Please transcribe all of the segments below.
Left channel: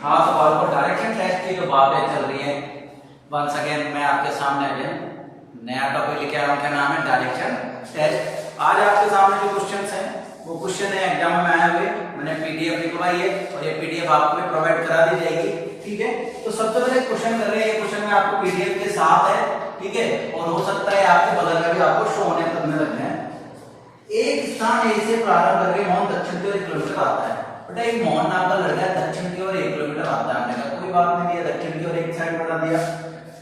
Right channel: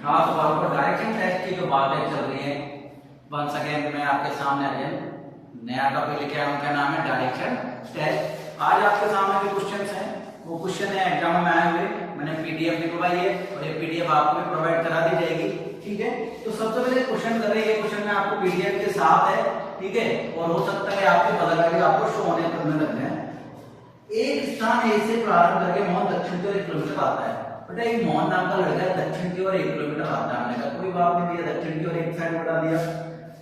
हाँ, तो आपको डायरेक्शन टेस्ट की जो बातें चल रही हैं, वंस अगेन मैं आपके सामने अगेन नया टॉपिक लेके आया हूँ। क्या नाम है? Direction test. आज आपके सामने जो क्वेश्चंस हैं वो क्वेश्चन है एग्जाम में आए हुए, मैंने पीडीएफ निकलवाई है और ये पीडीएफ आपको भी प्रोवाइड करा दी जाएगी। ठीक है, तो सबसे पहले क्वेश्चन कर रहे हैं, क्वेश्चन में आपको पीडीएफ के साथ है। ठीक है, और हो सकता है आपके बगल में भी आपको शो होने करने लग जाए। एक स्थान ए से प्रारंभ करके मोहन दक्षिण की ओर 1 किलोमीटर आता है। बेटा एक मोहन नाम का लड़का है, दक्षिण की ओर 1 किलोमीटर आता है। हमने कहा कोई बात नहीं, दिया दक्षिण की ओर एक साइड बढ़ा दिया।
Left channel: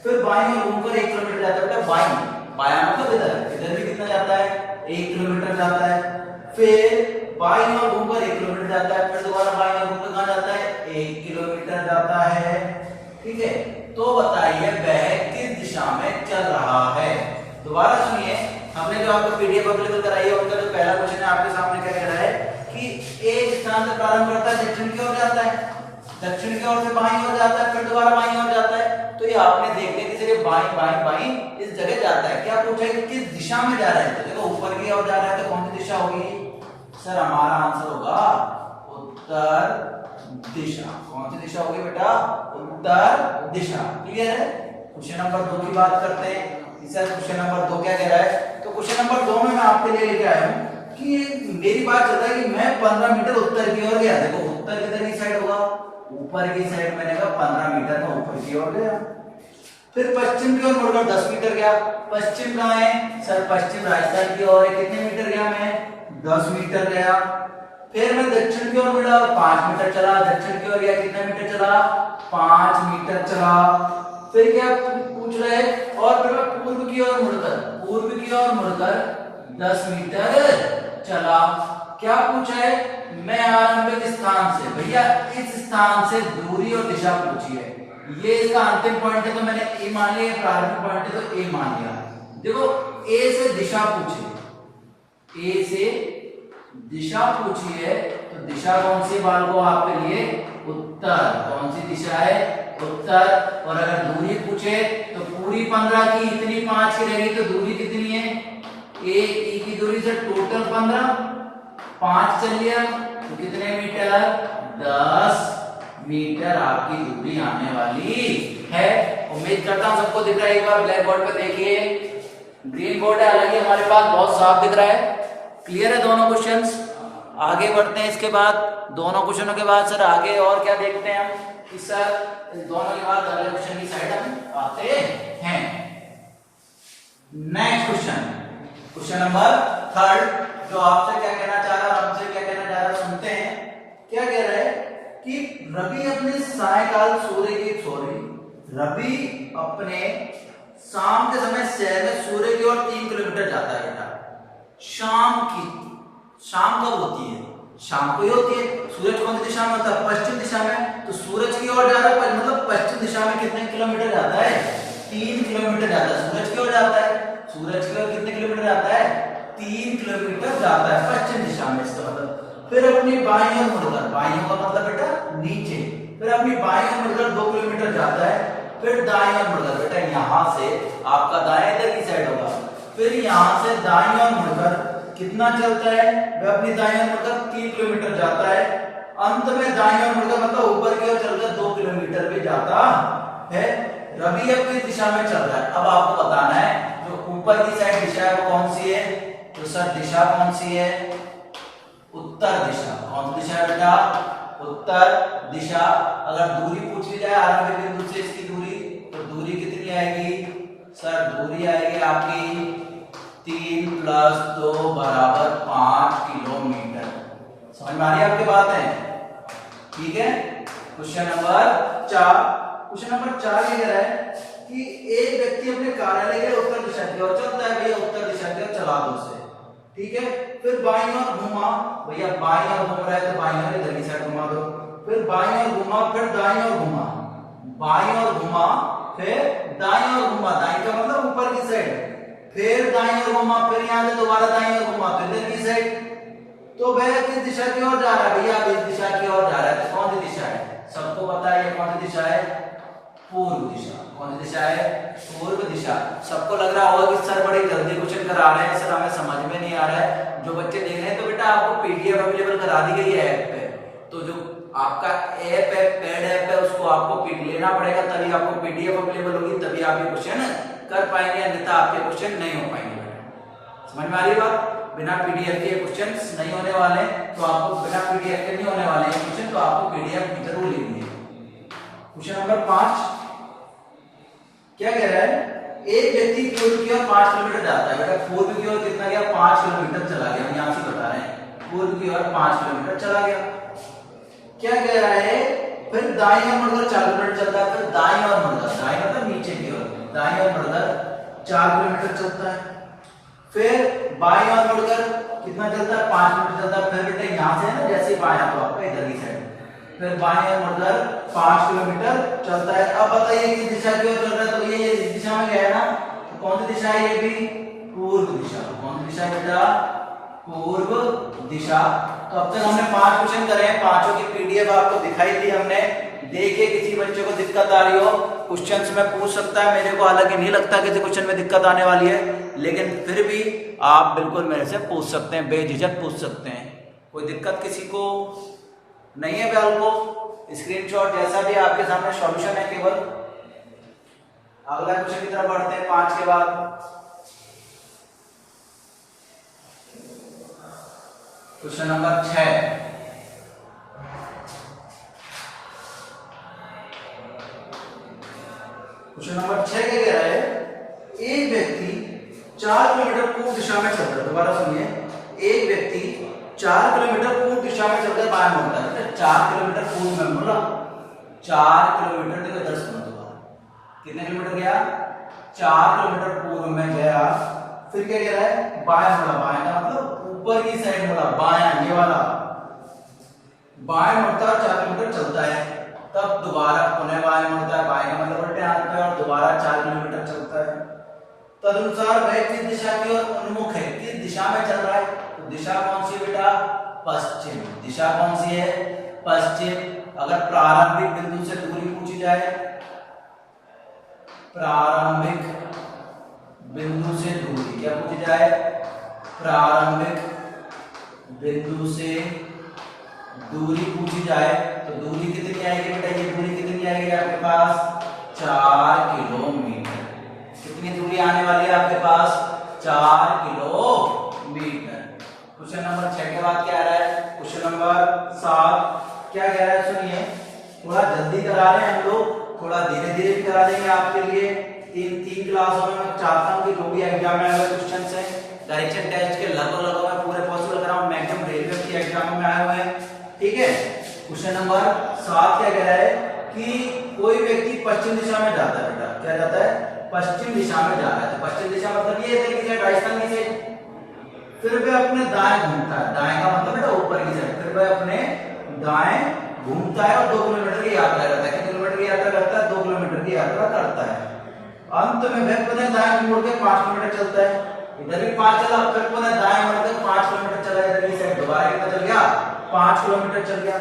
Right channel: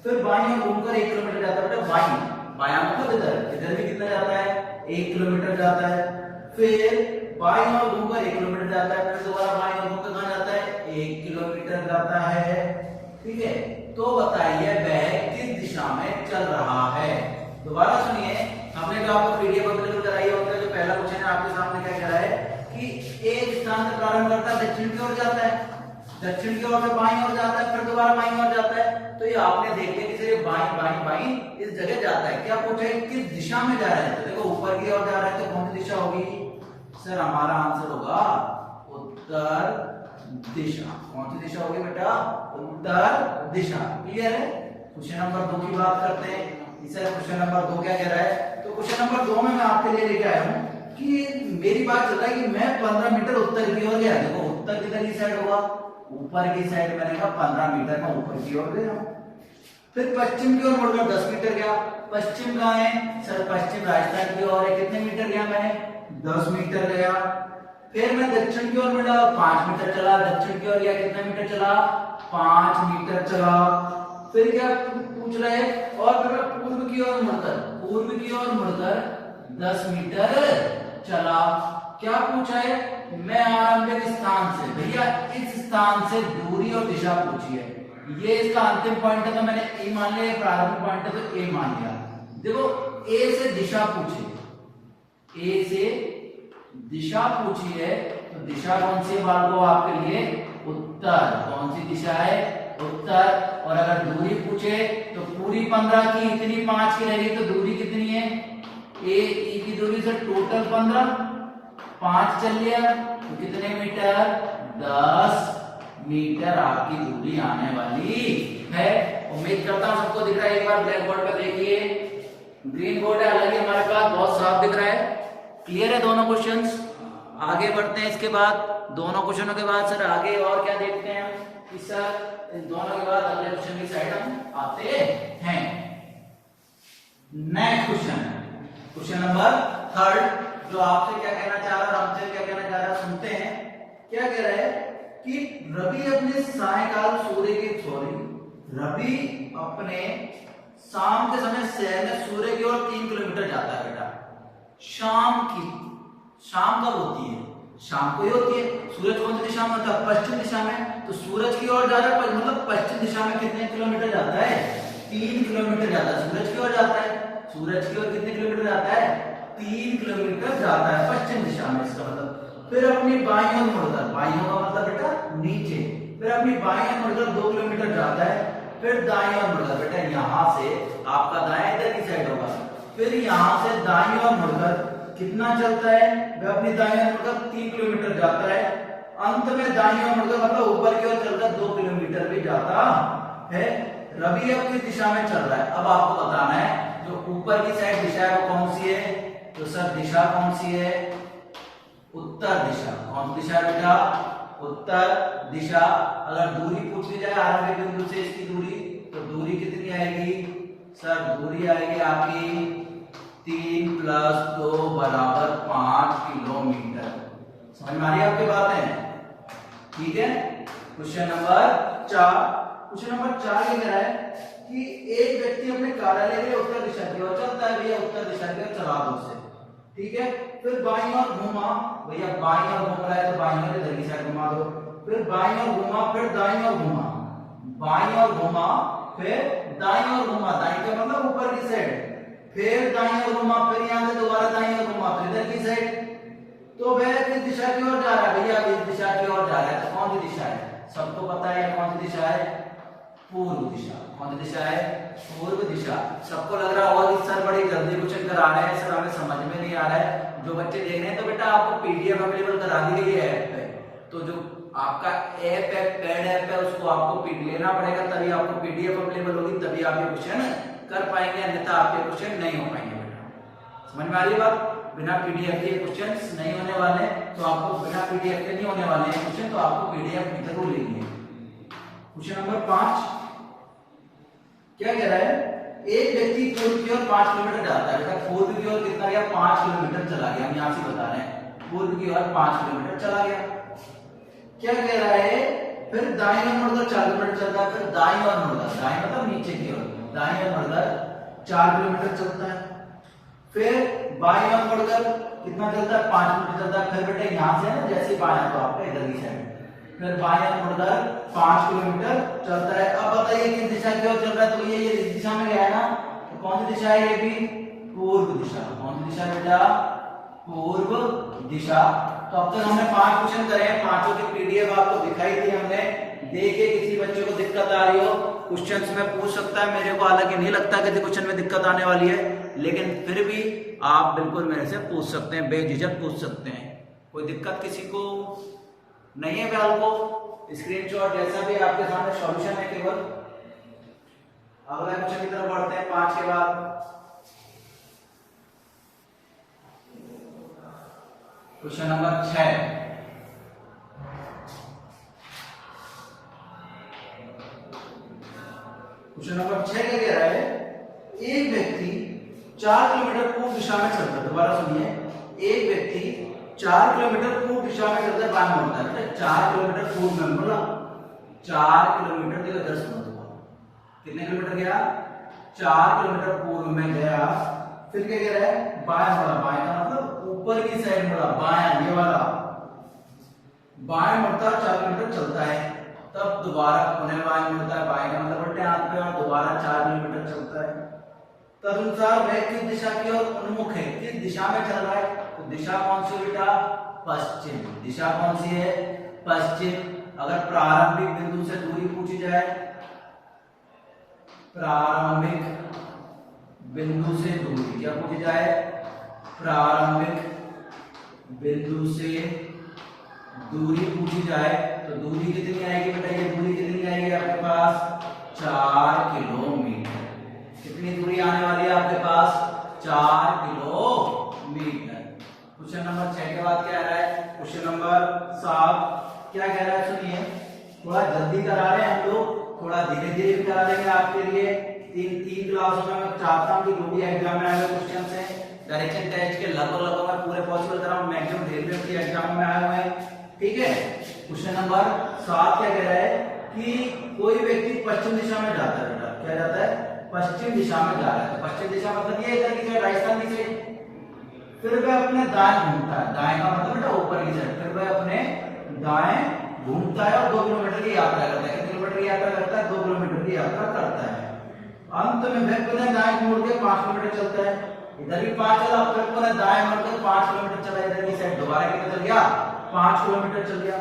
फिर बाईं ओर घूमकर 1 किलोमीटर जाता है। बेटा बायां मतलब इधर भी कितना जाता है? 1 किलोमीटर जाता है। फिर बाईं ओर घूमकर 1 किलोमीटर जाता है। फिर दोबारा बाईं ओर घूमकर कहां जाता है? 1 किलोमीटर जाता है। ठीक है, तो बताइए वह किस दिशा में चल रहा है? दोबारा सुनिए, हमने जो आपको पीडीएफ अवेलेबल कराई है उनका जो पहला क्वेश्चन है आपके सामने क्या कह रहा है कि एक स्थान से प्रारंभ करता है, दक्षिण की ओर जाता है, दक्षिण की ओर से बाईं ओर जाता है, फिर दोबारा बाईं ओर जाता है। तो ये आपने देख लिया कि बाईं बाईं बाईं इस जगह जाता है। क्या पूछा है कि किस दिशा में जा रहा है? तो देखो ऊपर की ओर जा रहा है तो कौन सी दिशा होगी? सर हमारा आंसर होगा उत्तर दिशा। कौन सी दिशा होगी बेटा? उत्तर दिशा। क्लियर है? क्वेश्चन नंबर 2 की बात करते हैं। सर क्वेश्चन नंबर 2 क्या कह रहा है? तो क्वेश्चन नंबर 2 में मैं आपके लिए लेके आया हूं कि मेरी बात चल रहा है कि मैं 15 मीटर उत्तर की ओर गया। देखो उत्तर किधर की साइड होगा? ऊपर की साइड। मैंने कहा 15 मीटर में ऊपर की ओर गया। फिर पश्चिम की ओर मुड़कर 10 मीटर गया। पश्चिम कहां है? सर पश्चिम राजस्थान की ओर है। कितने मीटर गया मैं? 10 मीटर गया। फिर मैं दक्षिण की ओर मुड़ा, 5 मीटर चला। दक्षिण की ओर गया, कितना मीटर चला? 5 मीटर चला। फिर क्या पूछ रहा है? और फिर मैं पूर्व की ओर मुड़कर 10 मीटर चला। क्या पूछा है? मैं आरंभिक स्थान से, भैया इस स्थान से दूरी और दिशा पूछी है। ये इसका अंतिम पॉइंट है तो मैंने ए मान लिया, प्रारंभिक पॉइंट है तो ए मान लिया। देखो ए से दिशा पूछी, ए से दिशा पूछी है तो दिशा कौन सी बालको आपके लिए? उत्तर। कौन सी दिशा है? उत्तर। और अगर दूरी पूछे तो पूरी 15 की इतनी 5 की रहेगी तो दूरी कितनी है? ए की दूरी से टोटल 15, 5 चल लिया तो कितने मीटर? 10 मीटर आपकी दूरी आने वाली है। उम्मीद करता हूं सबको दिख रहा है। एक बार ब्लैक बोर्ड पर देखिए, ग्रीन बोर्ड है हालांकि हमारे पास, बहुत साफ दिख रहा है। क्लियर है दोनों क्वेश्चंस? आगे बढ़ते हैं। इसके बाद दोनों क्वेश्चनों के बाद सर आगे और क्या देखते हैं हम कि सर इन दोनों के बाद अगले क्वेश्चन की साइड हम आते हैं। नेक्स्ट क्वेश्चन, क्वेश्चन नंबर 3 जो आपसे क्या कहना चाह रहा है, हमसे क्या कहना चाह रहा है, सुनते हैं। क्या कह रहा है कि रवि अपने सायकाल रवि अपने शाम के समय शहर में सूर्य की ओर 3 किलोमीटर जाता है। बेटा शाम कब होती है? शाम को ही होती है। सूरज कौन सी दिशा में होता है? पश्चिम दिशा में। तो सूरज की ओर जा रहा है, मतलब पश्चिम दिशा में कितने किलोमीटर जाता है? 3 किलोमीटर जाता है। सूरज की ओर जाता है, सूरज की ओर कितने किलोमीटर जाता है? 3 किलोमीटर जाता है पश्चिम दिशा में, इसका मतलब। फिर अपनी बाईं ओर मुड़कर, बाईं ओर का मतलब बेटा नीचे, फिर अपनी बाईं ओर मुड़कर 2 किलोमीटर जाता है। फिर दाईं ओर मुड़कर, बेटा यहां से आपका दाएं इधर की साइड होगा, फिर यहां से दाईं ओर मुड़कर कितना चलता है? वह अपनी दाईं ओर मुड़कर 3 किलोमीटर जाता है। अंत में दाईं ओर मुड़कर मतलब ऊपर की ओर चलकर 2 किलोमीटर भी जाता है। रवि अब किस दिशा में चल रहा है? अब आपको बताना है जो ऊपर की साइड दिशा है वो कौन सी है? तो सर दिशा कौन सी है? उत्तर दिशा। कौन सी दिशा है बेटा? उत्तर दिशा। अगर दूरी पूछ ली जाए आरंभिक बिंदु से इसकी दूरी, तो दूरी कितनी आएगी? सर दूरी आएगी आपकी 3 + 2 = 5 किलोमीटर। समझ में आ रही है आपकी बात है? ठीक है। क्वेश्चन नंबर 4, क्वेश्चन नंबर 4 ये कह रहा है कि एक व्यक्ति अपने कार्यालय के लिए उत्तर दिशा की ओर चलता है। भैया उत्तर दिशा की ओर चला दो उसे। ठीक है, फिर बाईं ओर घुमा, भैया बाईं ओर घूम रहा है तो बाईं ओर इधर की साइड घुमा दो। फिर बाईं ओर घुमा, फिर दाईं ओर घुमा, बाईं ओर घुमा, फिर दाईं ओर घुमा, दाईं का मतलब ऊपर की साइड, फिर दाईं ओर घुमा, फिर यहां से दोबारा दाईं ओर घुमा तो इधर की साइड। तो वह किस दिशा की ओर जा रहा है? भैया इस दिशा की ओर जा रहा है। तो कौन सी दिशा है? सबको पता है कौन सी दिशा है? पूर्व दिशा। कौन सी दिशा है? पूर्व दिशा। सबको लग रहा होगा कि सर बड़ी जल्दी क्वेश्चन करा रहे हैं, सर हमें समझ में नहीं आ रहा है। जो बच्चे देख रहे हैं तो बेटा आपको पीडीएफ अवेलेबल करा दी गई है ऐप पे, तो जो आपका ऐप है, पेड ऐप है, उसको आपको लेना पड़ेगा, तभी आपको पीडीएफ अवेलेबल होगी, तभी आप ये क्वेश्चन कर पाएंगे, अन्यथा आपके क्वेश्चन नहीं हो पाएंगे बेटा। समझ में आ रही है बात? बिना पीडीएफ के क्वेश्चन नहीं होने वाले, तो आपको बिना पीडीएफ के नहीं होने वाले हैं क्वेश्चन, तो आपको पीडीएफ जरूर लेनी है। क्वेश्चन नंबर 5 क्या कह रहा है? एक व्यक्ति पूर्व की ओर 5 किलोमीटर जाता है। बेटा पूर्व की ओर कितना गया? 5 किलोमीटर चला गया। हम यहां से बता रहे हैं पूर्व की ओर 5 किलोमीटर चला गया। क्या कह रहा है? फिर दाईं ओर मुड़कर 4 किलोमीटर चलता है। फिर दाईं ओर मुड़कर, दाईं मतलब नीचे की ओर, दाईं ओर मुड़कर 4 किलोमीटर चलता है। फिर बाईं ओर मुड़कर कितना चलता है? 5 किलोमीटर चलता है। फिर बेटा यहां से ना, जैसे बायां तो आपका इधर की साइड, फिर बाएं ओर मुड़कर 5 किलोमीटर चलता है। अब बताइए किस दिशा की ओर चल रहा है? तो ये इस दिशा में गया है ना, तो कौन सी दिशा है? ये भी पूर्व दिशा। कौन सी दिशा बेटा? पूर्व दिशा। तो अब तक हमने 5 क्वेश्चन करे हैं, पांचों की पीडीएफ आपको दिखाई दी हमने। देखिए किसी बच्चे को दिक्कत आ रही हो, क्वेश्चंस में पूछ सकता है। मेरे को हालांकि नहीं लगता किसी क्वेश्चन में दिक्कत आने वाली है, लेकिन फिर भी आप बिल्कुल मेरे से पूछ सकते हैं, बेझिझक पूछ सकते हैं। कोई दिक्कत किसी को नहीं है? फिलहाल को स्क्रीनशॉट जैसा भी आपके सामने सॉल्यूशन है केवल। अगला क्वेश्चन की तरफ बढ़ते हैं 5 के बाद। Question number 6। क्वेश्चन नंबर 6 क्या कह रहा है? एक व्यक्ति 4 किलोमीटर पूर्व दिशा में चलता है। दोबारा सुनिए, एक व्यक्ति 4 किलोमीटर पूर्व दिशा में चलकर बाएं मुड़ता है। 4 किलोमीटर पूर्व में मुड़ा, 4 किलोमीटर, देखो इधर सुनो दोबारा, कितने किलोमीटर गया? 4 किलोमीटर पूर्व में गया। फिर क्या कह रहा है? बाएं मुड़ा। बाएं का मतलब ऊपर की साइड मुड़ा, बायां, ये वाला बाएं मुड़ता है, 4 किलोमीटर चलता है। तब दोबारा पुनः बाएं मुड़ता है, बाएं का मतलब उल्टे हाथ पे, और दोबारा 4 किलोमीटर चलता है। तदनुसार वह किस दिशा की ओर उन्मुख है? किस दिशा में चल रहा है? तो दिशा कौन सी बेटा? पश्चिम। दिशा कौन सी है? पश्चिम। अगर प्रारंभिक बिंदु से दूरी पूछी जाए, प्रारंभिक बिंदु से दूरी क्या पूछी जाए? प्रारंभिक बिंदु से दूरी पूछी जाए, तो दूरी कितनी आएगी बेटा? ये दूरी कितनी आएगी आपके पास? 4 किलोमीटर। कितनी दूरी आने वाली है आपके पास? 4 किलोमीटर। क्वेश्चन नंबर 6 के बाद क्या आ रहा है? क्वेश्चन नंबर 7 क्या कह रहा है? सुनिए, थोड़ा जल्दी करा रहे हैं हम लोग, थोड़ा धीरे धीरे भी करा देंगे आपके लिए। तीन क्लासों में मैं चाहता हूँ कि जो भी एग्जाम में आए हुए क्वेश्चन है, डायरेक्शन टेस्ट के लगभग मैं पूरे पॉसिबल कराऊं, मैक्सिमम रेलवे की एग्जामों में आए हुए हैं। ठीक है, क्वेश्चन नंबर 7 क्या कह रहा है कि कोई व्यक्ति पश्चिम दिशा में जाता है। बेटा क्या जाता है? पश्चिम दिशा में जा रहा है। तो पश्चिम दिशा मतलब ये इधर की साइड, राजस्थान की साइड। फिर वह अपने दाएं घूमता है। दाएं का मतलब बेटा ऊपर की साइड। फिर वह अपने दाएं घूमता है और 2 किलोमीटर की यात्रा करता है। कितने किलोमीटर की यात्रा करता है? 2 किलोमीटर की यात्रा करता है। अंत में वह पुनः दाएं मुड़ के 5 किलोमीटर चलता है। इधर भी 5 चला, फिर पुनः दाएं मुड़ के 5 किलोमीटर चला इधर की साइड। दोबारा कितना चल गया? 5 किलोमीटर चल गया।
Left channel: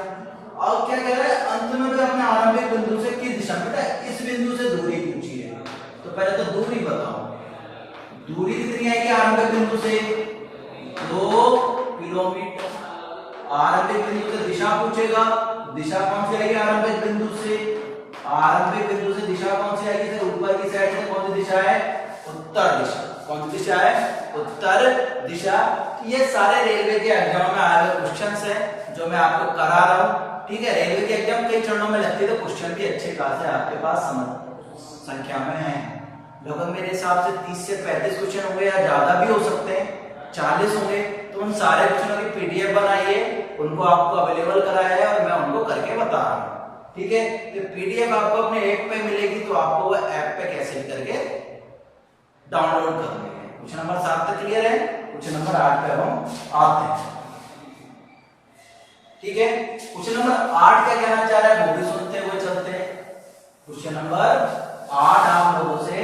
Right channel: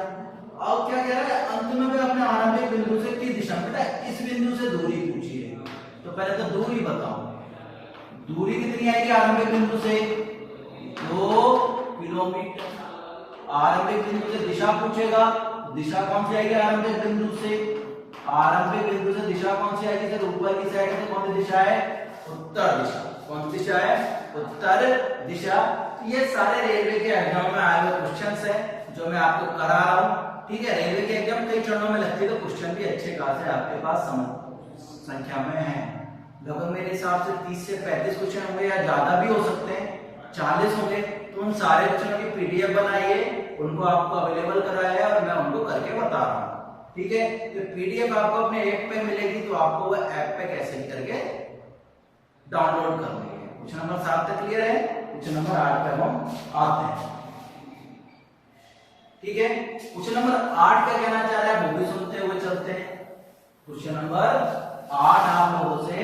अब क्या कह रहा है? अंत में वह अपने आरंभिक बिंदु से किस दिशा में? बेटा इस बिंदु से दूरी पूछी है, तो पहले तो दूरी बताओ। दूरी कितनी आएगी आरंभिक बिंदु से? 2 किलोमीटर। आरंभिक बिंदु से दिशा पूछेगा, दिशा कौन सी आएगी आरंभिक बिंदु से? आरंभिक बिंदु से दिशा कौन सी आएगी? सर ऊपर की साइड से कौन सी दिशा है? उत्तर दिशा। कौन सी दिशा है? उत्तर दिशा। ये सारे रेलवे के एग्जाम में आए हुए क्वेश्चंस हैं जो मैं आपको करा रहा हूं। ठीक है, रेलवे के एग्जाम कई चरणों में लगती है, तो क्वेश्चन भी अच्छे खासे आपके पास संख्या में है। लगभग मेरे हिसाब से 30 से 35 क्वेश्चन होंगे, या ज्यादा भी हो सकते हैं, 40 होंगे। तो उन सारे क्वेश्चनों की पीडीएफ बनाइए, उनको आपको अवेलेबल कराया है और मैं उनको करके बता रहा हूँ। ठीक है, तो पीडीएफ आपको अपने ऐप पे मिलेगी, तो आपको वो ऐप पे कैसे करके डाउनलोड करनी है। क्वेश्चन नंबर 7 तक क्लियर है? क्वेश्चन नंबर 8 पे हम आते हैं। ठीक है, क्वेश्चन नंबर 8 क्या कहना चाह रहा है वो भी सुनते हुए चलते हैं। क्वेश्चन नंबर 8 आप लोगों से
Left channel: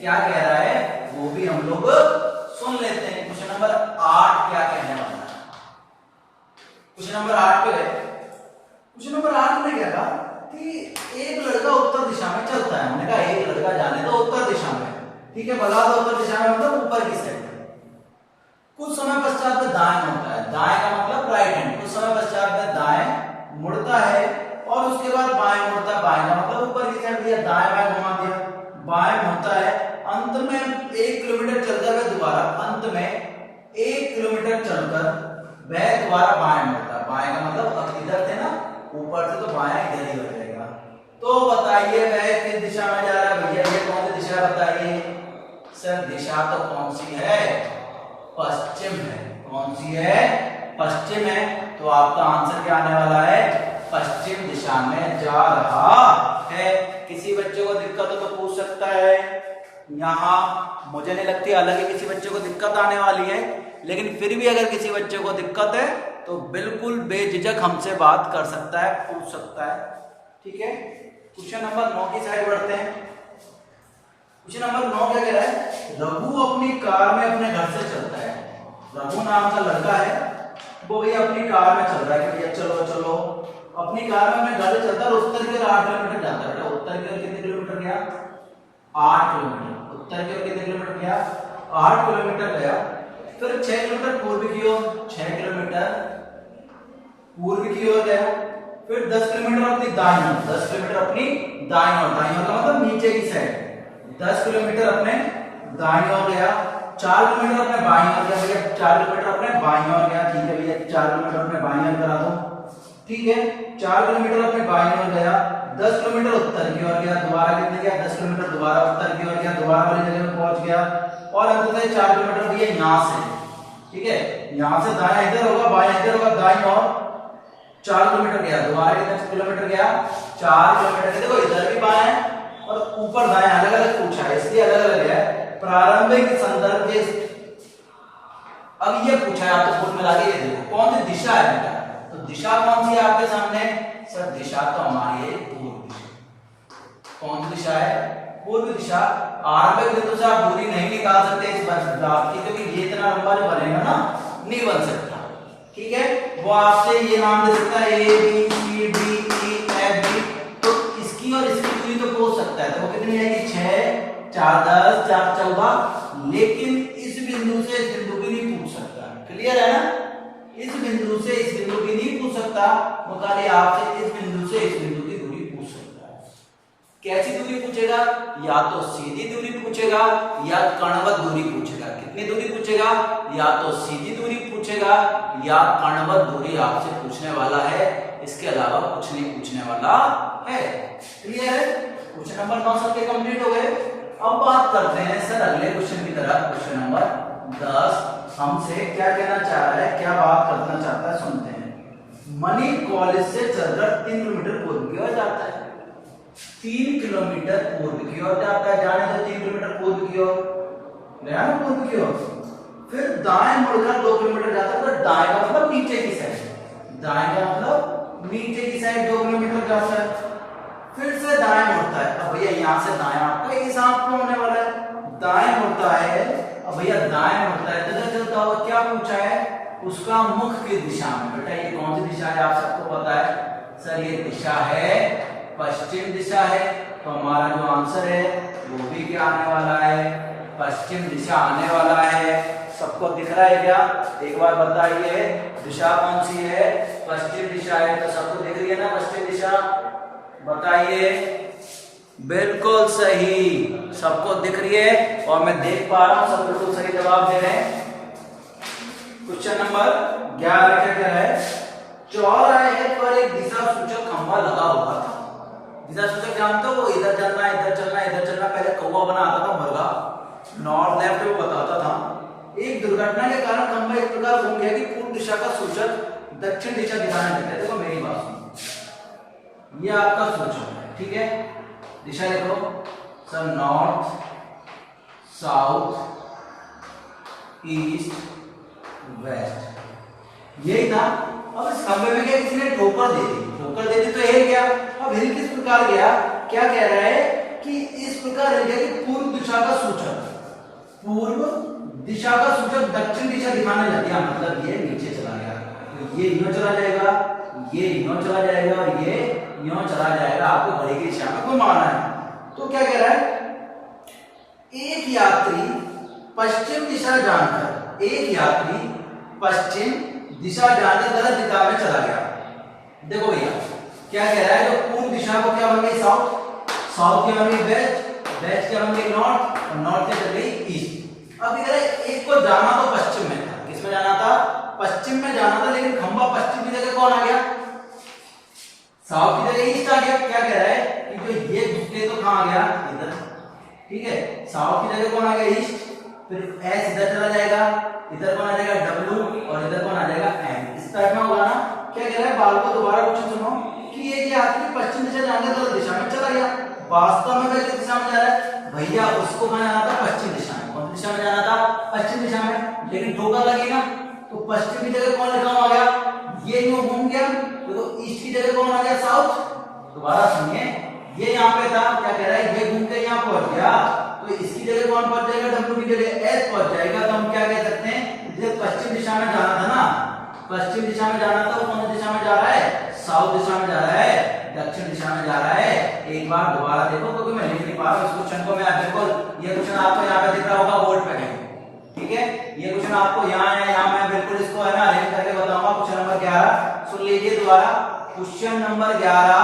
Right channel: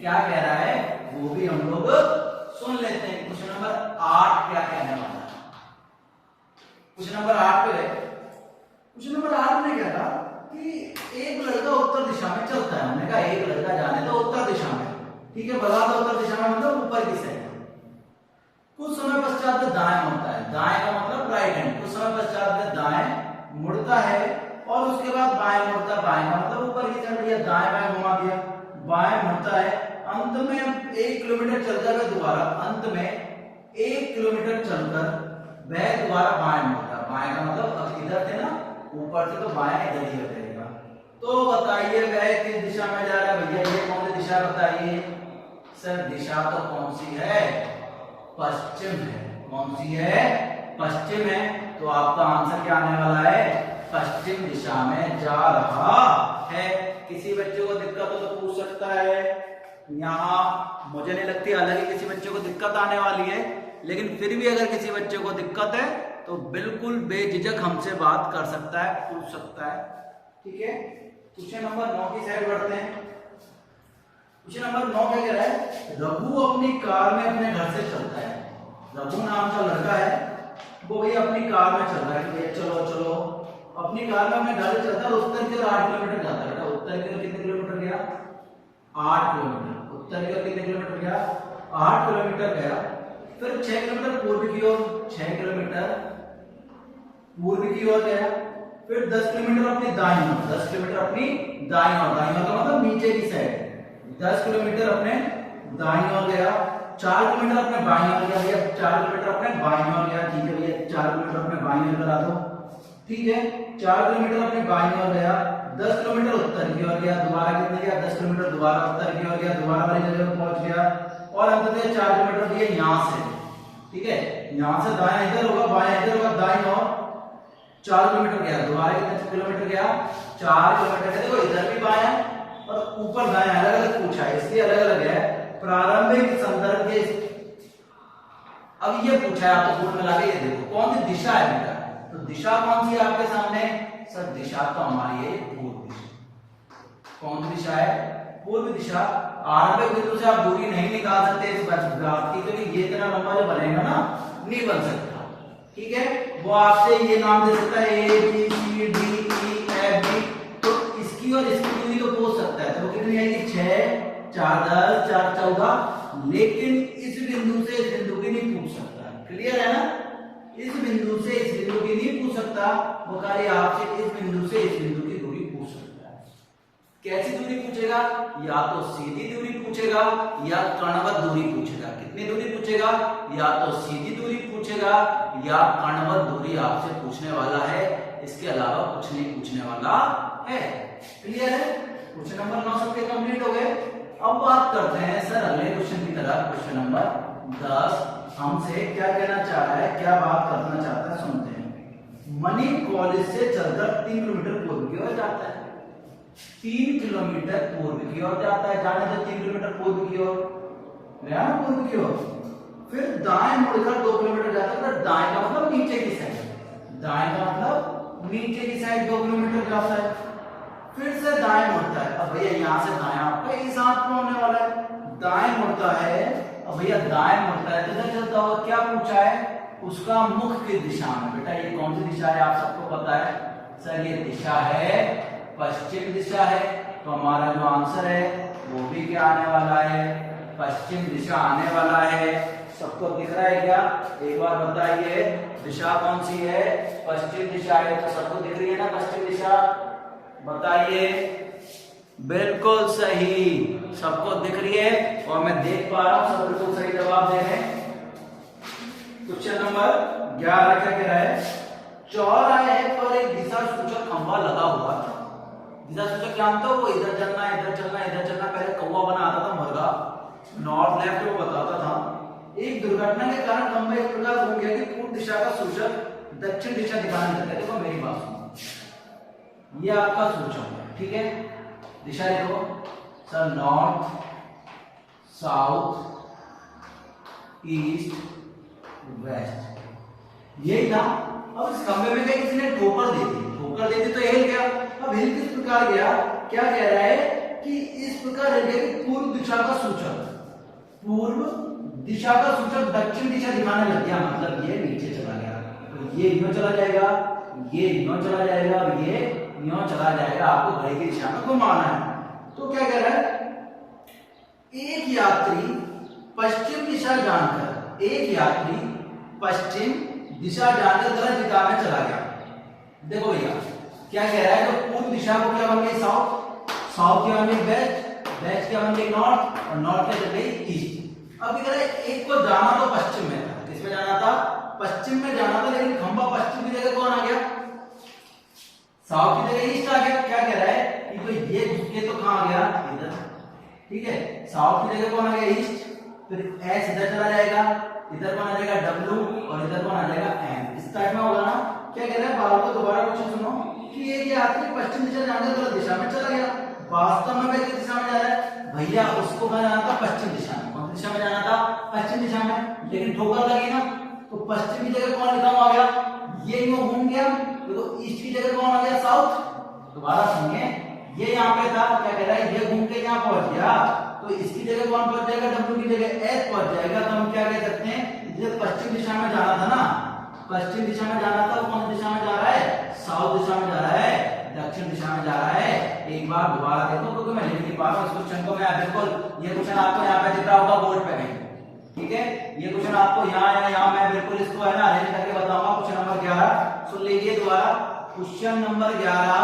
क्या कह रहा है वो भी हम लोग सुन लेते हैं। क्वेश्चन नंबर 8 क्या कहने वाला है? क्वेश्चन नंबर 8 पे गए। क्वेश्चन नंबर 8 में क्या कहा कि एक लड़का उत्तर दिशा में चलता है। हमने कहा एक लड़का जाने तो उत्तर दिशा में। ठीक है, बता दो उत्तर दिशा में मतलब ऊपर की साइड। कुछ समय पश्चात में दाएं मुड़ता है। दाएं का मतलब राइट हैंड। कुछ समय पश्चात में दाएं मुड़ता है और उसके बाद बाएं मुड़ता है, बाएं का मतलब ऊपर की साइड दिया, दाएं बाएं घुमा दिया, बाएं मुड़ता है, अंत में 1 किलोमीटर चलकर वह दोबारा, अंत में 1 किलोमीटर चलकर वह दोबारा बाएं मुड़ता है। बाएं का मतलब अब इधर थे ना ऊपर से, तो बाएं इधर ही हो जाएगा। तो बताइए वह किस दिशा में जा रहा है भैया, ये कौन सी दिशा है बताइए। सर दिशा तो कौन सी है, पश्चिम है। कौन सी है, पश्चिम है। तो आपका आंसर क्या आने वाला है, पश्चिम दिशा में जा रहा है। किसी बच्चे को दिक्कत हो तो पूछ सकता है, यहाँ मुझे नहीं लगती हालांकि किसी बच्चे को दिक्कत आने वाली है, लेकिन फिर भी अगर किसी बच्चे को दिक्कत है तो बिल्कुल बेझिझक हमसे बात कर सकता है, पूछ सकता है। ठीक है, क्वेश्चन नंबर 9 की साइड बढ़ते हैं। क्वेश्चन नंबर 9 क्या कह रहा है, रघु अपनी कार में अपने घर से चलता है। रघु नाम का लड़का है, वो भैया अपनी कार में चल रहा है कि भैया चलो चलो, अपनी कार में अपने घर से चलता है और उत्तर की ओर 8 किलोमीटर जाता है। बेटा उत्तर की ओर कितने किलोमीटर गया, 8 किलोमीटर। उत्तर की ओर कितने किलोमीटर गया, 8 किलोमीटर गया। फिर 6 किलोमीटर पूर्व की ओर, 6 किलोमीटर पूर्व की ओर गया। फिर 10 किलोमीटर अपनी दाईं ओर, 10 किलोमीटर अपनी दाईं ओर, दाईं ओर का मतलब नीचे की साइड, 10 किलोमीटर अपने दाईं ओर गया। 4 किलोमीटर अपने बाईं ओर गया भैया, 4 किलोमीटर अपने बाईं ओर गया। ठीक है भैया, 4 किलोमीटर अपने बाईं ओर करा दो। ठीक है, 4 किलोमीटर अपने बाईं ओर गया। 10 किलोमीटर उत्तर की ओर गया, दोबारा कितने गया, 10 किलोमीटर दोबारा उत्तर की ओर गया, दोबारा वाली जगह पे पहुंच गया। और अंततः 4 किलोमीटर भैया यहाँ से, ठीक है, यहाँ से दाएं इधर होगा, बाएं इधर होगा, दाईं ओर 4 किलोमीटर गया, दोबारा कितने किलोमीटर गया, 4 किलोमीटर। देखो इधर भी बाएं और ऊपर दाएं अलग अलग पूछा है, इसलिए अलग अलग है। प्रारंभिक संदर्भ के, अब ये पूछा है आपको बोर्ड में लगा के, ये देखो कौन सी दिशा है बेटा, तो दिशा कौन सी है आपके सामने, सर दिशा तो हमारी है पूर्व दिशा। कौन सी दिशा है, पूर्व दिशा। आरंभिक बिंदु से आप दूरी नहीं निकाल सकते इस ग्राफ की, क्योंकि ये इतना लंबा जो बनेगा ना नहीं बन सकता। ठीक है, वो आपसे ये नाम दे सकता है A B C D E F B, तो इसकी और इसकी दूरी तो पूछ सकता है। तो वो कितनी आएगी, 6 4 10 4 14, लेकिन इस बिंदु से इस बिंदु की नहीं पूछ सकता। क्लियर है ना, इस बिंदु से इस बिंदु की नहीं पूछ सकता, वो खाली आपसे इस बिंदु से इस बिंदु की दूरी पूछ सकता है। कैसी दूरी पूछेगा, या तो सीधी दूरी पूछेगा या कणवत दूरी पूछेगा। कितनी दूरी पूछेगा, या तो सीधी दूरी पूछेगा या कणवत दूरी आपसे पूछने वाला है, इसके अलावा कुछ नहीं पूछने वाला है। क्लियर है, क्वेश्चन नंबर 9 सबके कंप्लीट हो गए। अब बात करते हैं सर अगले क्वेश्चन की तरफ। क्वेश्चन नंबर 10 हमसे क्या कहना चाह रहा है, क्या बात करना चाहता है, सुनते हैं। मनी कॉलेज से चलकर 3 किलोमीटर पूर्व की ओर जाता है। 3 किलोमीटर पूर्व की ओर जाता है, जाने दो 3 किलोमीटर पूर्व की ओर, गया ना पूर्व की ओर। फिर दाएं मुड़कर 2 किलोमीटर जाता है, तो दाएं का मतलब नीचे की साइड, दाएं का मतलब नीचे की साइड 2 किलोमीटर जाता है। फिर से दाएं मुड़ता है। अब भैया यहाँ से दाएं आपका इस हाथ पे होने वाला है, दाएं मुड़ता है। अब भैया दाएं मुड़ता है तो चलता होगा, क्या पूछा है, उसका मुख किस दिशा में। बेटा ये कौन सी दिशा है, आप सबको पता है, सर ये दिशा है पश्चिम दिशा है। तो हमारा जो आंसर है वो भी क्या आने वाला है, पश्चिम दिशा आने वाला है। सबको दिख रहा है क्या, एक बार बताइए दिशा कौन सी है, पश्चिम दिशा है। तो सबको दिख रही है ना पश्चिम दिशा, बताइए। बिल्कुल सही, सबको दिख रही है और मैं देख पा रहा हूं सब बिल्कुल सही जवाब दे रहे हैं। क्वेश्चन नंबर 11 क्या कह रहा है, चौराहे पर एक दिशा सूचक खंभा लगा हुआ था। दिशा सूचक जानते हो, वो इधर चलना इधर चलना इधर चलना, पहले कौवा बनाता था मुर्गा, नॉर्थ लेफ्ट वो बताता था। एक दुर्घटना के कारण खंभा इस प्रकार घूम गया कि पूर्व दिशा का सूचक दक्षिण दिशा दिखाने लगता है। देखो मेरी बात सुनो, ये आपका सूचक है, ठीक है, दिशा देखो sir, north south east west, यही था। अब इस खंभे में क्या किसी ने ठोकर दे दी, ठोकर दे दी तो हिल गया। अब हिल किस प्रकार गया, क्या कह रहा है कि इस प्रकार हिल गया कि पूर्व दिशा का सूचक, पूर्व दिशा का सूचक दक्षिण दिशा दिखाने लग गया, मतलब ये नीचे चला गया। तो ये यूं चला जाएगा, ये यूं चला जाएगा और ये यूं चला जाएगा। आपको घड़ी की दिशा में घुमाना है। तो क्या कह रहा है, एक यात्री पश्चिम दिशा जानकर, एक यात्री पश्चिम दिशा जानकर गलत दिशा में चला गया। देखो भैया क्या कह रहा है, जो पूर्व दिशा को क्या बन गई साउथ, साउथ क्या बन गई वेस्ट, वेस्ट क्या बन गई नॉर्थ, और नॉर्थ क्या बन गई ईस्ट। अब कह रहा है एक को जाना तो पश्चिम में था, किसमें जाना था, पश्चिम में जाना था, लेकिन खंबा पश्चिम की जगह कौन आ गया, साउथ की जगह ईस्ट आ गया। क्या कह रहा है कि जो ये झुके तो कहां आ गया, इधर, ठीक है, साउथ की जगह कौन आ गया ईस्ट, फिर एस इधर चला जाएगा, इधर कौन आ जाएगा डब्ल्यू, और इधर कौन आ जाएगा एम। स्टार्ट में होगा ना। क्या कह रहा है, बाल को दोबारा क्वेश्चन सुनो कि ये यात्री पश्चिम दिशा जाने गलत दिशा में चला गया, वास्तव में किस दिशा में जा रहा है भैया, उसको कहां जाना था, पश्चिम दिशा में। कौन सी दिशा में जाना था, पश्चिम दिशा में, लेकिन ठोकर लगी ना, तो पश्चिम की जगह कौन लिखा हुआ आ गया, ये यूं घूम गया, तो ईस्ट की जगह कौन आ गया साउथ। दोबारा सुनिए, ये यहाँ पे था, क्या कह रहा है, ये घूम के यहाँ पहुंच गया, तो इसकी जगह कौन पहुंच जाएगा, डब्ल्यू की जगह एस पहुंच जाएगा। तो हम क्या कह सकते हैं, ये पश्चिम दिशा में जाना था ना, पश्चिम दिशा में जाना था, वो कौन सी दिशा में जा रहा है, साउथ दिशा में जा रहा है, दक्षिण दिशा में जा रहा है। एक बार दोबारा देखो, क्योंकि मैं लिख नहीं पा रहा हूं इस क्वेश्चन को, मैं बिल्कुल, ये क्वेश्चन आपको यहाँ पे दिख रहा होगा बोर्ड पे कहीं, ठीक है, ये क्वेश्चन आपको यहाँ है, यहाँ मैं बिल्कुल इसको है ना अरेंज करके बताऊंगा। क्वेश्चन नंबर 11 सुन लीजिए दोबारा, क्वेश्चन नंबर 11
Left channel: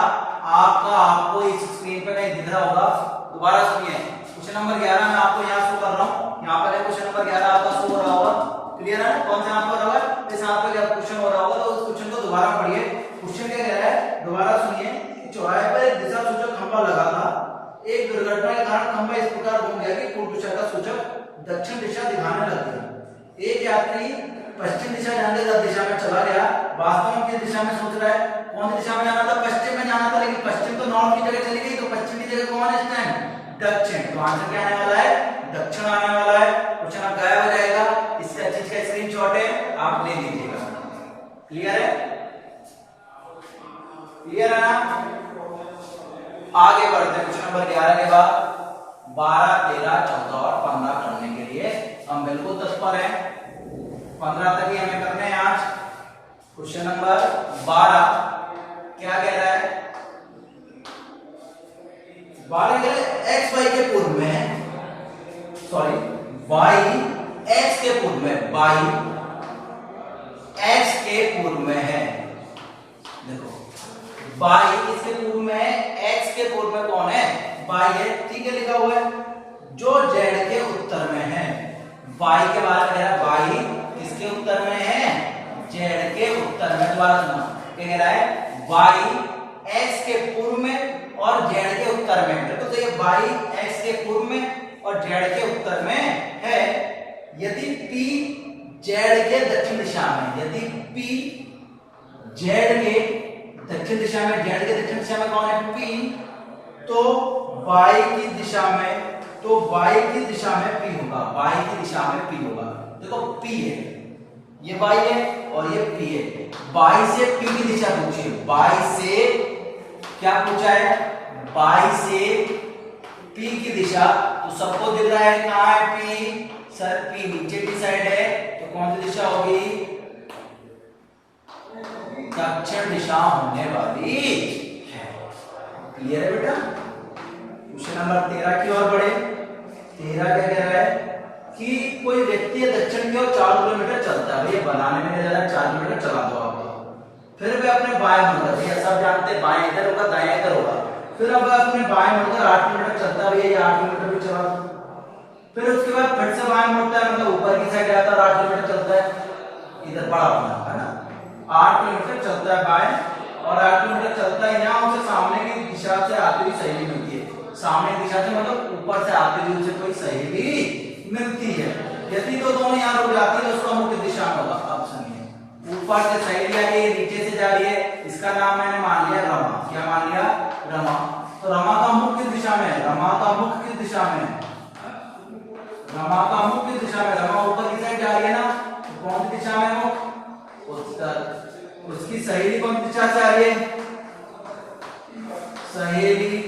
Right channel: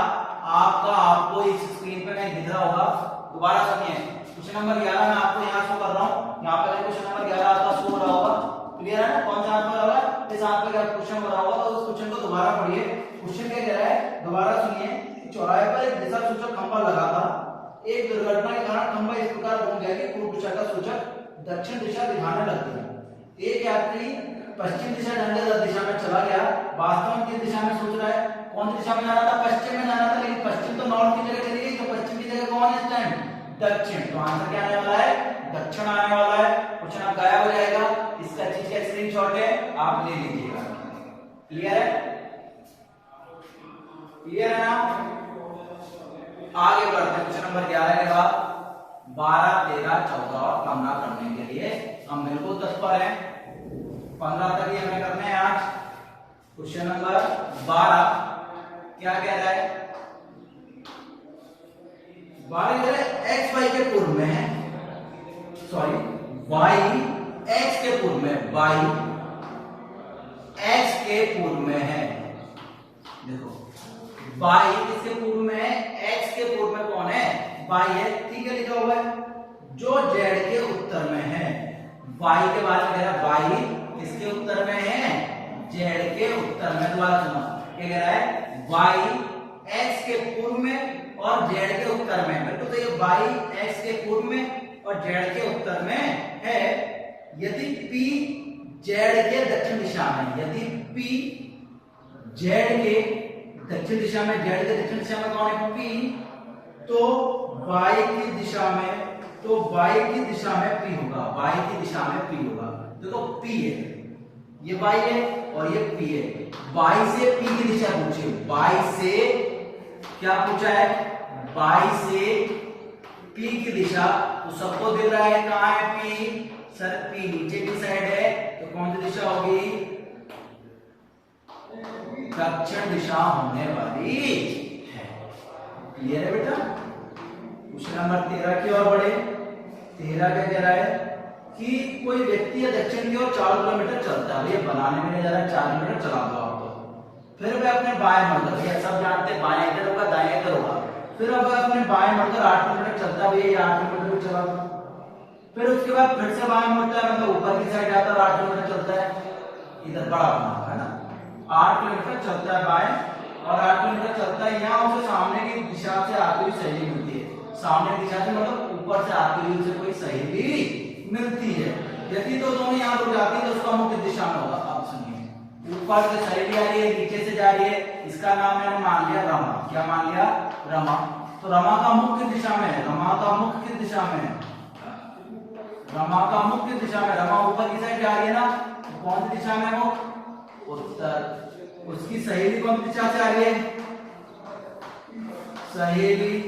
आपको इस स्क्रीन पे कहीं दिख रहा होगा, दोबारा सुनिए। क्वेश्चन नंबर 11 मैं आपको यहाँ शो कर रहा हूँ, यहाँ पे क्वेश्चन नंबर 11 आपका शो हो रहा होगा, क्लियर है ना, कौन सा यहाँ पर होगा, इस यहाँ पे क्या क्वेश्चन हो रहा होगा, तो उस क्वेश्चन को दोबारा पढ़िए। क्वेश्चन क्या कह रहा है, दोबारा सुनिए, चौराहे पर एक दिशा सूचक खंभा लगा था, एक दुर्घटना के कारण खंभा इस प्रकार घूम गया कि पूर्व दिशा का सूचक दक्षिण दिशा दिखाने लग गया। एक यात्री पश्चिम दिशा जाने गलत दिशा में चला गया, वास्तव में किस दिशा में सोच रहा है, कौन सी दिशा में जाना था, पश्चिम में जाना था, लेकिन पश्चिम तो नॉर्थ की जगह चली गई, तो पश्चिम की जगह कौन है इस टाइम, दक्षिण। तो आंसर क्या आने वाला है, दक्षिण आने वाला है। क्वेश्चन आप गायब हो जाएगा, इसका चीज का स्क्रीनशॉट है, आप ले लीजिएगा। क्लियर है, क्लियर है ना। आगे बढ़ते हैं, क्वेश्चन नंबर 11 के बाद 12, 13, 14 और 15 करने के लिए हम बिल्कुल तत्पर हैं। 15 तक ही हमें करने हैं आज। क्वेश्चन नंबर 12 क्या कह रहा है, 12 कह रहे हैं एक्स वाई के पूर्व में, सॉरी वाई एक्स के पूर्व में, वाई एक्स के पूर्व में है। देखो वाई किसके पूर्व में है, एक्स के पूर्व में कौन है, वाई है, ठीक है, लिखा हुआ है, जो जेड के उत्तर में है। वाई के बारे में कह रहा है, वाई किसके उत्तर में है, जेड के उत्तर में। दोबारा सुनो, क्या कह रहा है, वाई एक्स के पूर्व में और जेड के उत्तर में, बिल्कुल सही है, वाई एक्स के पूर्व में और जेड के उत्तर में है। यदि पी जेड के दक्षिण दिशा में, यदि पी जेड के दक्षिण दिशा में, जेड के दक्षिण दिशा में कौन है, पी, तो वाई की दिशा में, तो वाई की दिशा में पी होगा, वाई की दिशा में पी होगा। देखो पी है, ये वाई है और ये पी है, वाई से पी की दिशा पूछिए, वाई से क्या पूछा है, वाई से पी की दिशा, तो सबको दिख रहा है कहां है पी, सर पी नीचे की साइड है, तो कौन सी दिशा होगी, दक्षिण दिशा होने वाली है। क्लियर है बेटा। क्वेश्चन नंबर 13 की ओर बढ़े। 13 क्या कह रहा है कि कोई व्यक्ति दक्षिण की ओर 4 किलोमीटर चलता है, भैया बनाने में नहीं जा रहा, 4 किलोमीटर चला दो आप, तो फिर वह अपने बाएं मुड़कर, भैया सब जानते हैं बाएं इधर होगा दाएं इधर होगा, फिर अब अपने बाएं मुड़कर 8 किलोमीटर चलता है, भैया ये 8 किलोमीटर भी चला दो, फिर उसके बाद फिर से बाएं मुड़ता है, मतलब ऊपर की साइड जाता है और 8 किलोमीटर चलता है, इधर बड़ा अपना है ना, 8 किलोमीटर चलता है बाएं और 8 किलोमीटर चलता है, यहाँ उसे सामने की दिशा से आती हुई सहेली मिलती है, सामने की दिशा से मतलब ऊपर से आती हुई उसे कोई सहेली मिलती है। यदि तो दोनों यहाँ रुक जाती है तो उसका मुख्य दिशा में होगा। अब सुनिए, ऊपर से सहेली आ रही है, नीचे से जा रही है, इसका नाम मैंने मान लिया रमा, क्या मान लिया, रमा, तो रमा का मुख किस दिशा में है, रमा का मुख किस दिशा में है, रमा का मुख किस दिशा में, रमा ऊपर की साइड जा रही है ना, तो कौन सी दिशा में है वो, उत्तर। उसकी सहेली कौन सी दिशा से आ रही है, सहेली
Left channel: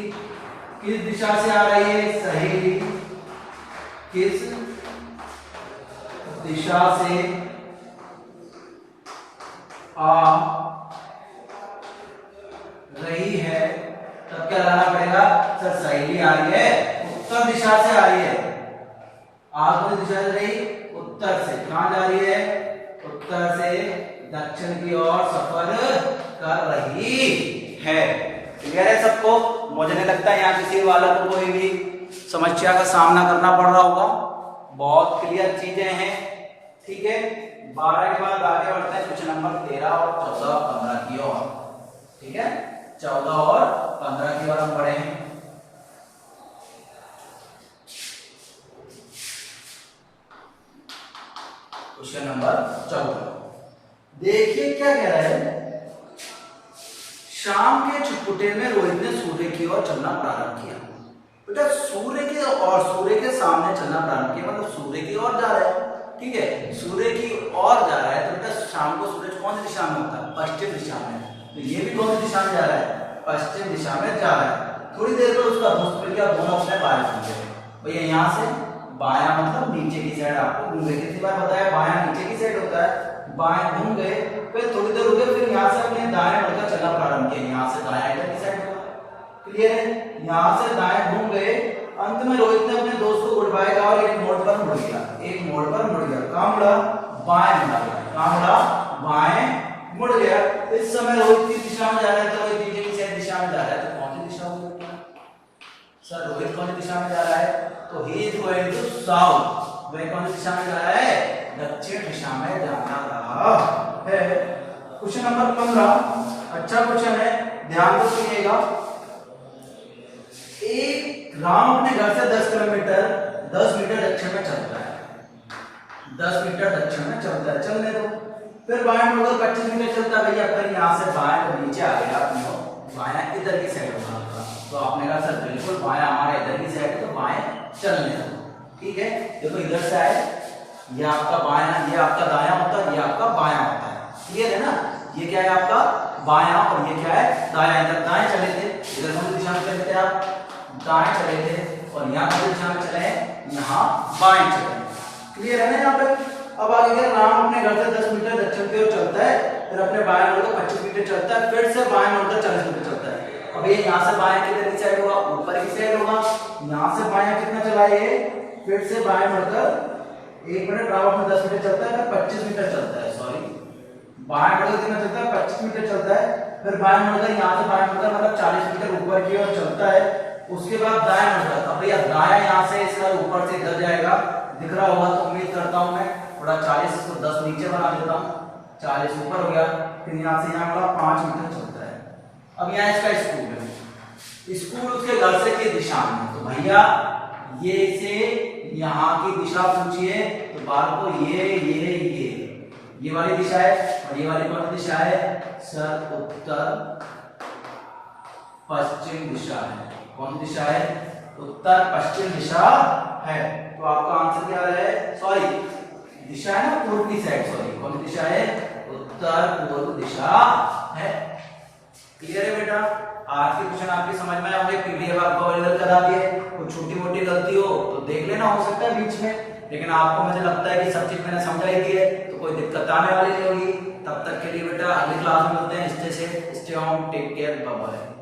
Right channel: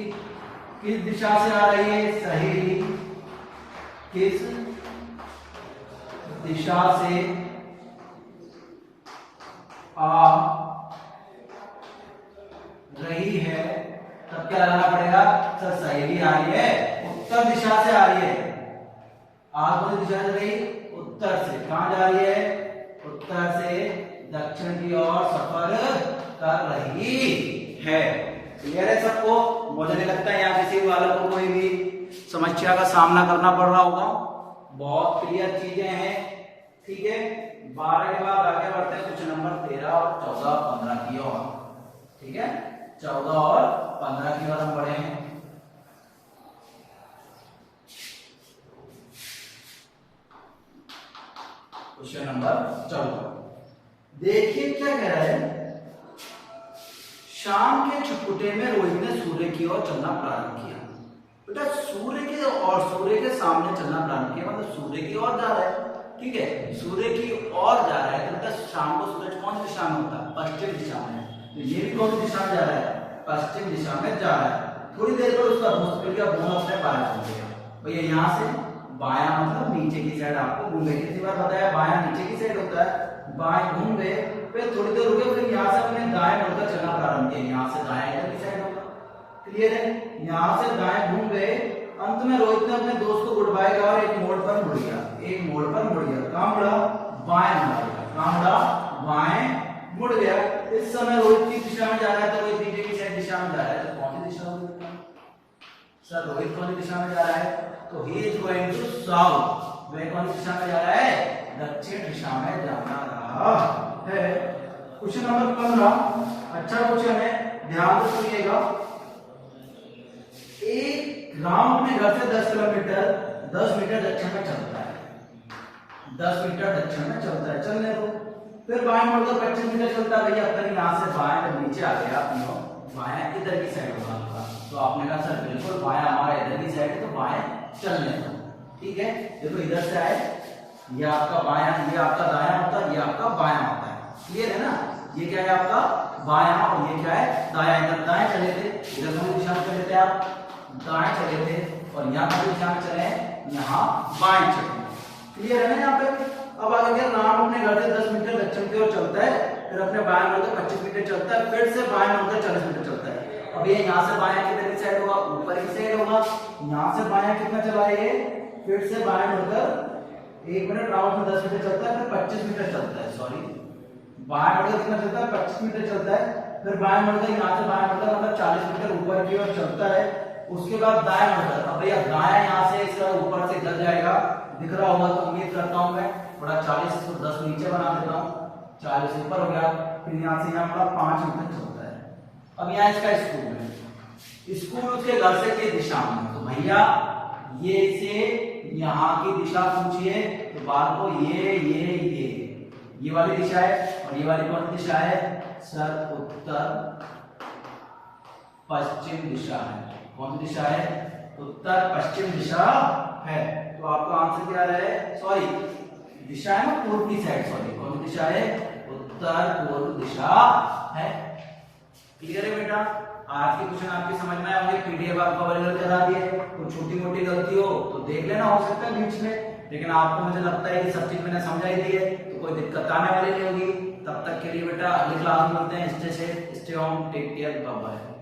किस दिशा से आ रही है, सहेली किस दिशा से आ रही है, तब क्या लगाना पड़ेगा, सर सहेली आ रही है उत्तर दिशा से आ रही है, आज कौन दिशा से रही, उत्तर से, कहां जा रही है, उत्तर से दक्षिण की ओर सफर कर रही है। क्लियर है सबको? मुझे नहीं लगता यहाँ किसी वाले को कोई भी समस्या का सामना करना पड़ रहा होगा। बहुत क्लियर चीजें हैं। ठीक है, 12 के बाद आगे बढ़ते हैं कुछ नंबर 13 और 14 और 15 की ओर। ठीक है, 14 और 15 की ओर हम बढ़े हैं। क्वेश्चन नंबर 14 देखिए क्या कह रहा है। शाम के छुटपुटे में रोहित ने सूर्य की ओर चलना प्रारंभ किया। बेटा सूर्य के सामने चलना प्रारंभ किया मतलब सूर्य की ओर जा रहा है। ठीक है, सूर्य की ओर जा रहा है तो बेटा शाम को सूरज कौन सी दिशा में होता है? पश्चिम दिशा में। तो ये भी कौन सी दिशा में जा रहा है? पश्चिम दिशा में जा रहा है। थोड़ी देर में उसका दोस्त मिल गया, दोनों अपने बाएं घूमे। भैया यहाँ से बायां मतलब नीचे की साइड, आपको घूम गए, कितनी बार बताया बायां नीचे की साइड होता है। बाएं घूम गए, फिर थोड़ी देर रुके, फिर यहाँ से अपने दाएं मुड़कर चलना प्रारंभ किया। यहाँ से दाएं इधर की साइड होगा। क्लियर है? यहाँ से दाएं घूम गए, अंत में रोहित ने अपने दोस्त को गुड बाय कहा और एक मोड़ पर मुड़ गया। एक मोड़ पर मुड़ गया। कहाँ मुड़ा? बाएं मुड़ा। कहाँ मुड़ा? बाएं मुड़ गया। इस समय रोहित की दिशा में जा रहा है तो रोहित नीचे की साइड दिशा में जा रहा है, तो कौन सी दिशा होगी सर? रोहित कौन सी दिशा में जा रहा है? तो he is going to south. वह कौन सी दिशा में जा रहा है? दक्षिण दिशा में जाना रहा है। क्वेश्चन नंबर 15 अच्छा क्वेश्चन है, ध्यान से सुनिएगा। एक राम अपने घर से 10 मीटर दक्षिण में चलता है। 10 मीटर दक्षिण में चलता है, चलने दो। फिर बाएं मुड़कर 25 मीटर चलता है। भैया फिर यहाँ से बाएं जब नीचे आ गया अपने बायां इधर की साइड होगा आपका, तो आपने कहा सर बिल्कुल बायां हमारा इधर की साइड है तो बाएं चलने दो। ठीक है, देखो इधर से आए, ये आपका बायां, ये आपका दायां होता है, ये आपका बायां होता है। क्लियर है ना? ये क्या है आपका बायां और ये क्या है दायां। इधर दाएं चले थे, इधर कौन सी दिशा में चले थे आप? दाएं चले थे। और यहाँ कौन सी दिशा में चले? यहाँ बाएं चले। क्लियर है ना यहाँ पे? अब आगे क्या, राम अपने घर से 10 मीटर दक्षिण की ओर चलता है, फिर अपने बाएं मुड़कर 25 मीटर चलता है, फिर से बाएं मुड़कर 40 मीटर चलता है। अब ये यहाँ से बायां किधर की साइड होगा? ऊपर की साइड होगा। यहाँ से बायां कितना चला ये? फिर से बाएं मुड़कर 1 मिनट राम अपने 10 मीटर चलता है, फिर 25 मीटर चलता है। सॉरी, बाएं मुड़कर कितना चलता है? 25 मीटर चलता है। फिर बाएं मुड़कर यहाँ से बाएं मुड़कर मतलब 40 मीटर ऊपर की ओर चलता है। उसके बाद दाएं मुड़कर, अब भैया दाएं यहाँ से इसका ऊपर से इधर जाएगा, दिख रहा होगा तो उम्मीद करता हूँ मैं। थोड़ा 40 इसको 10 नीचे बना देता हूँ, 40 ऊपर हो गया। फिर यहाँ से यहाँ वाला 5 मीटर चलता है। अब यहाँ इसका स्कूल है, स्कूल उसके घर से की दिशा में। तो भैया ये से यहाँ की दिशा पूछिए तो बाल को ये वाली दिशा है, और ये वाली कौन सी दिशा है सर? उत्तर पश्चिम दिशा है। कौन सी दिशा है? उत्तर पश्चिम दिशा है। तो आपका आंसर क्या है? सॉरी, दिशा है ना पूर्व की साइड। सॉरी, कौन सी दिशा है? उत्तर पूर्व दिशा है। क्लियर है बेटा? आज के क्वेश्चन आपके समझ में आए होंगे। पीडीएफ आपको अवेलेबल करा दिए। कोई छोटी मोटी गलती हो तो देख लेना, हो सकता है बीच में, लेकिन आपको मुझे लगता है कि सब चीज मैंने समझा ही दी है, तो कोई दिक्कत आने वाली नहीं होगी। तब तक के लिए बेटा अगली क्लास में मिलते हैं। Stay safe, stay home, take care, bye bye.